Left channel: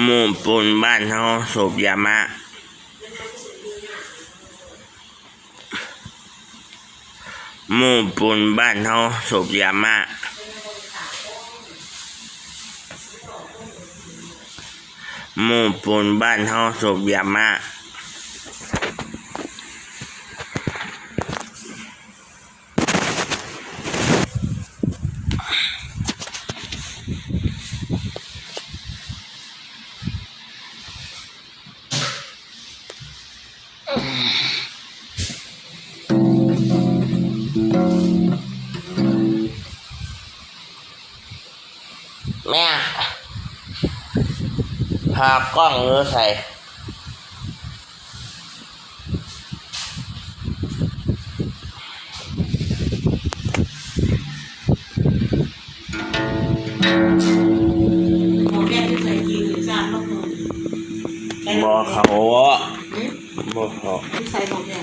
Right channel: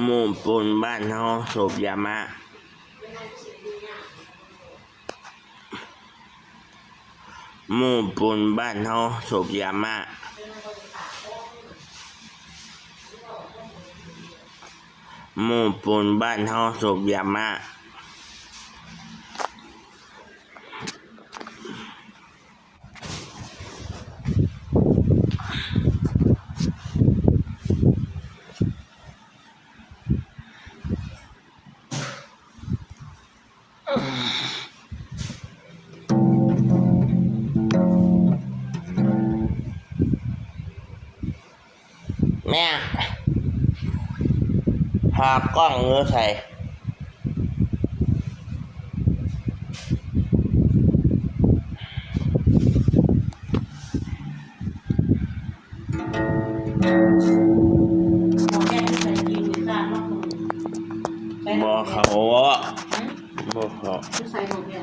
หมู่ปูนบ้านเฮาสูบยามะหมู่ปูนบ้านเฮาสูบยามะหมู่ปูนบ้านเฮาสูบยามะแม่หากล้องมือใส่หมอแม่ที่ใส่ยีนหรือจานมากเลย บ่เขาบ่เขา ที่ใส่หมอแม่